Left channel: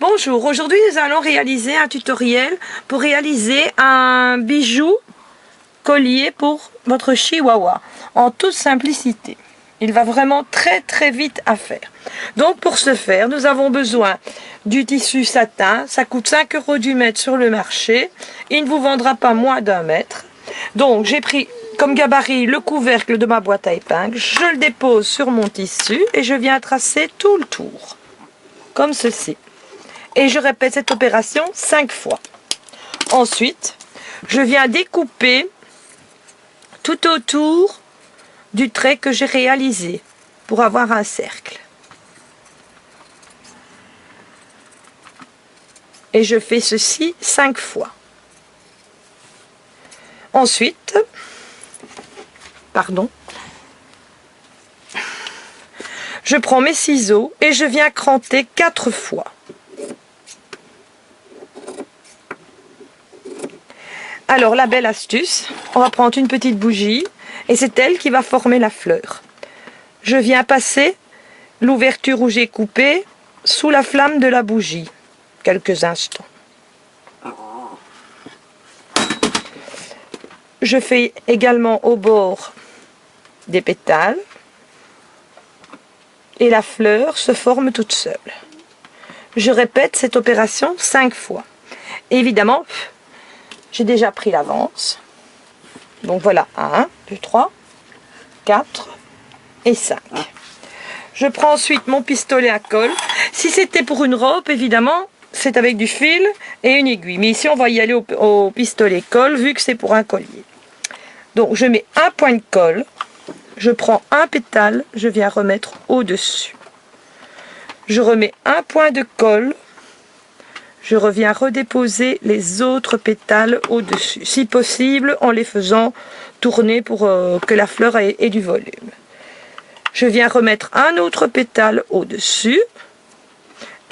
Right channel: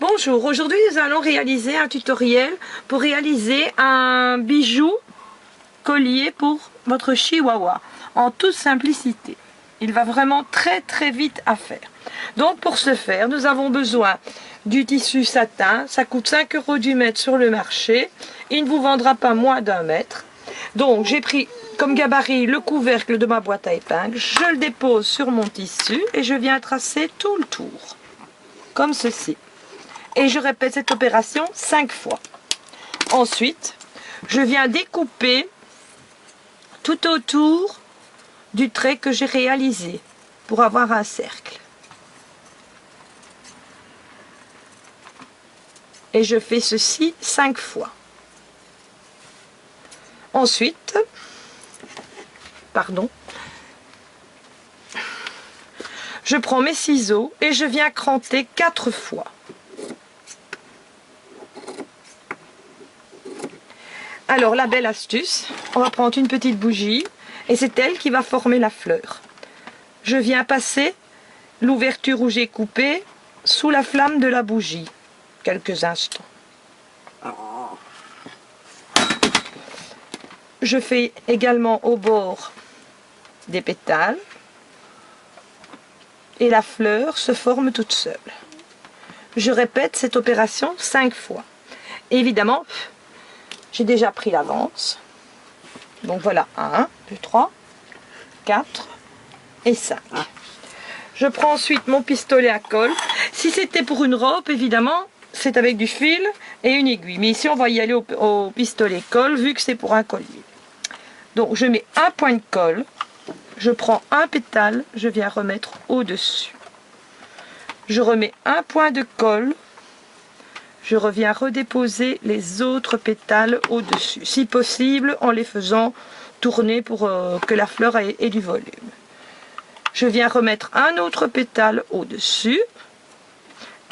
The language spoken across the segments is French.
Bonjour, aujourd'hui nous allons réaliser un tutoriel pour réaliser un bijou collier pour votre chihuahua en toute simplicité. Il va vraiment très vite à faire. Donc pour ce faire, nous avons besoin du tissu satin. Ça coûte 5 € du mètre sur le marché. Il ne vous vendra pas moins d'1 mètre. Donc j'ai pris comme gabarit le couvercle de ma boîte à épingles. Je le dépose sur mon tissu et je viens tracer tout le tour. Comme ceci. Et je répète cette opération 5 fois. Ensuite, je viens découper tout autour du trait que j'ai réalisé pour avoir un cercle. Et je fais ceci 5 fois. Ensuite, je prends mes ciseaux et je viens cranter 4 fois. Alors la belle astuce, on va prendre une petite bougie et c'est elle qui va former la fleur. Je viens passer l'ouverture où j'ai coupé sous la flamme de la bougie, quelques instants. Je fais également au bord des pétales et la fleur se forme toute seule. Je répète cette opération 5 fois. Évidemment, j'ai déjà pris l'avance. Donc voilà, 1, 2, 3, 4 et 5. Je prends ensuite mon pistolet à colle. Si c'était pour une robe, évidemment, c'est avec du fil et une aiguille. Mais ici, on va y aller au pistolet colle, vu que c'est pour un collier. Donc, je mets un point de colle. Je prends un pétale, je viens remettre au-dessus. Je remets un point de colle. Je reviens redéposer les autres pétales au-dessus. Si possible, en les faisant tourner pour que la fleur ait du volume. Je viens remettre un autre pétale au-dessus.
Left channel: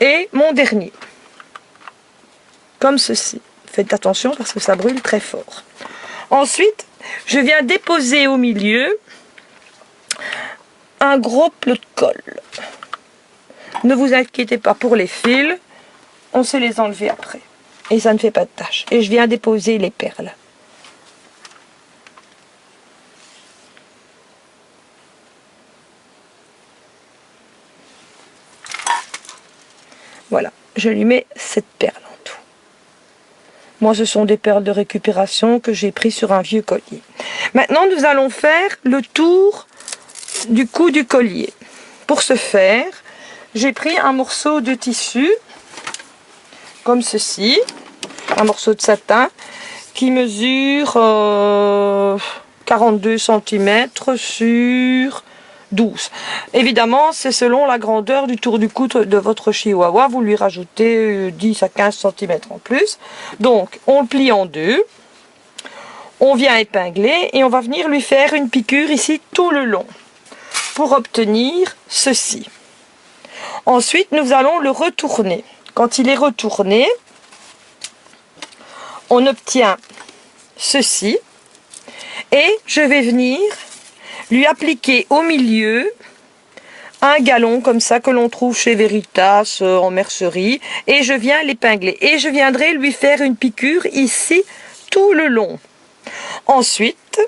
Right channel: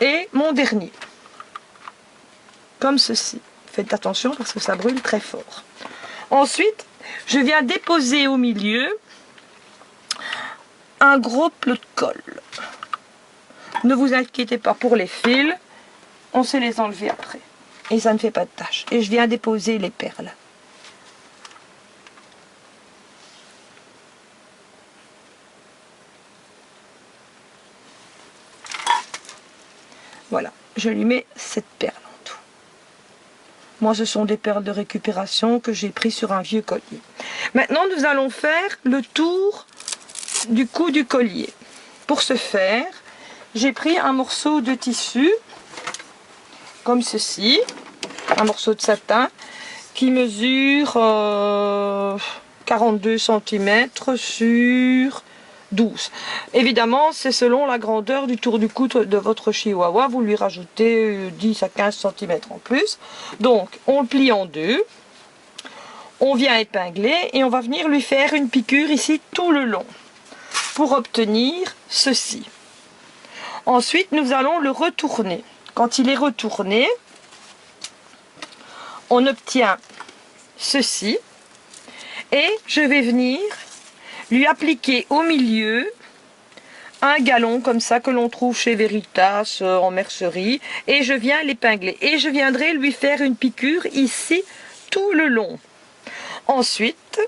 Et mon dernier. Comme ceci. Faites attention parce que ça brûle très fort. Ensuite, je viens déposer au milieu un gros plot de colle. Ne vous inquiétez pas pour les fils. On sait les enlever après. Et ça ne fait pas de tache. Et je viens déposer les perles. Voilà. Je lui mets 7 perles en tout. Moi, ce sont des perles de récupération que j'ai pris sur un vieux collier. Maintenant, nous allons faire le tour du cou du collier. Pour ce faire, j'ai pris un morceau de tissu, comme ceci, un morceau de satin, qui mesure 42 cm sur 12. Évidemment, c'est selon la grandeur du tour du cou de votre chihuahua. Vous lui rajoutez 10 à 15 cm en plus. Donc, on le plie en deux. On vient épingler et on va venir lui faire une piqûre ici tout le long pour obtenir ceci. Ensuite, nous allons le retourner. Quand il est retourné, on obtient ceci et je vais venir lui appliquer au milieu un galon comme ça que l'on trouve chez Veritas en mercerie et je viens l'épingler et je viendrai lui faire une piqûre ici tout le long. Ensuite,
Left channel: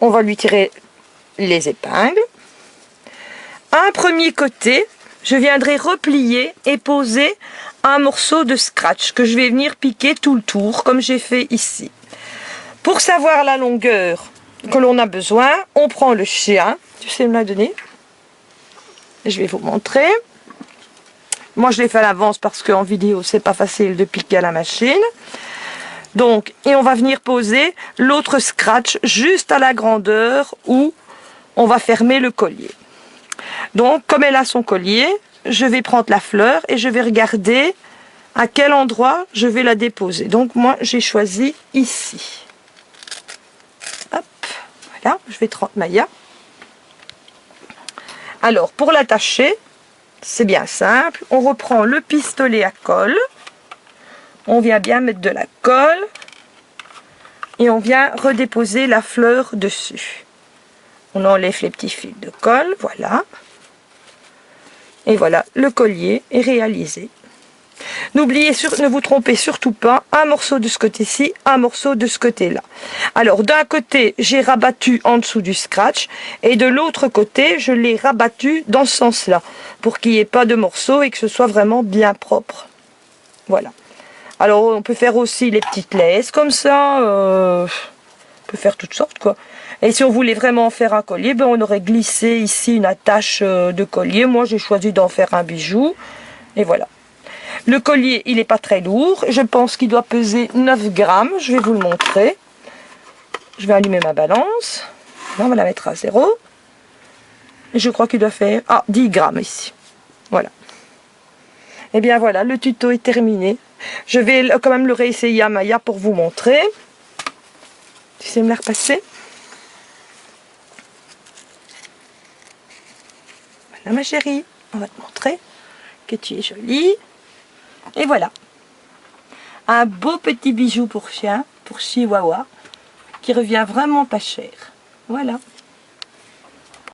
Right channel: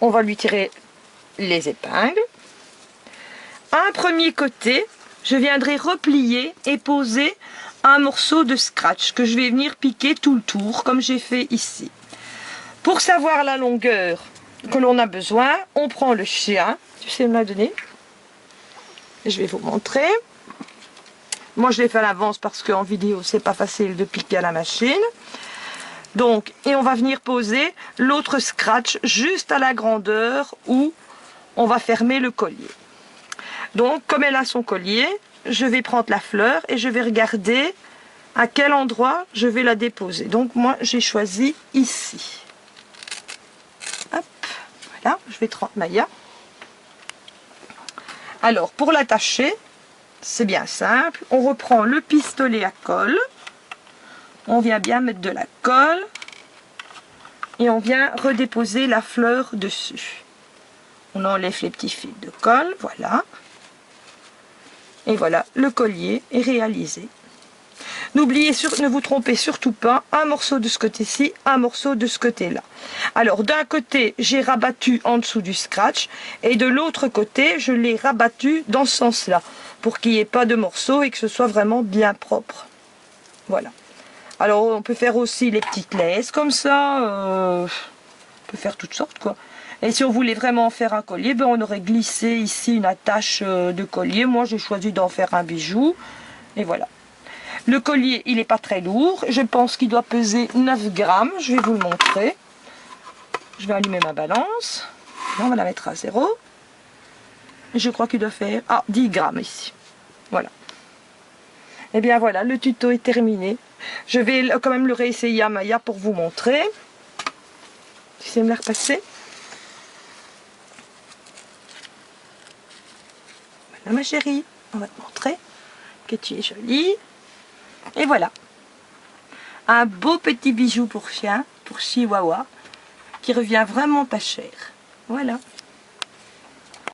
on va lui tirer les épingles. Un premier côté, je viendrai replier et poser un morceau de scratch que je vais venir piquer tout le tour comme j'ai fait ici. Pour savoir la longueur que l'on a besoin, on prend le chien. Tu sais me la donner? Je vais vous montrer. Moi, je l'ai fait à l'avance parce qu'en vidéo, c'est pas facile de piquer à la machine. Donc, et on va venir poser l'autre scratch juste à la grandeur où on va fermer le collier. Donc, comme elle a son collier, je vais prendre la fleur et je vais regarder à quel endroit je vais la déposer. Donc, moi, j'ai choisi ici. Hop, voilà, je vais 30 maillas. Alors, pour l'attacher, c'est bien simple. On reprend le pistolet à colle. On vient bien mettre de la colle. Et on vient redéposer la fleur dessus. On enlève les petits fils de colle, voilà. Et voilà, le collier est réalisé. N'oubliez ne vous trompez surtout pas, un morceau de ce côté-ci, un morceau de ce côté-là. Alors d'un côté, j'ai rabattu en dessous du scratch et de l'autre côté, je l'ai rabattu dans ce sens-là pour qu'il n'y ait pas de morceaux et que ce soit vraiment bien propre. Voilà. Alors on peut faire aussi les petites laisses comme ça, on peut faire toutes sortes quoi. Et si on voulait vraiment faire un collier, ben on aurait glissé ici une attache de collier. Moi j'ai choisi d'en faire un bijou et voilà. Le collier, il n'est pas très lourd. Je pense qu'il doit peser 9 grammes. Je vais vous le montrer. Je vais allumer ma balance. Là, on va la mettre à 0. Et je crois qu'il doit faire 10 grammes ici. Voilà. Et bien voilà, le tuto est terminé. Je vais quand même le réessayer à Maya pour vous montrer. Tu sais me la repasser? Voilà ma chérie, on va te montrer que tu es jolie. Et voilà, un beau petit bijou pour chien, pour chihuahua, qui revient vraiment pas cher. Voilà.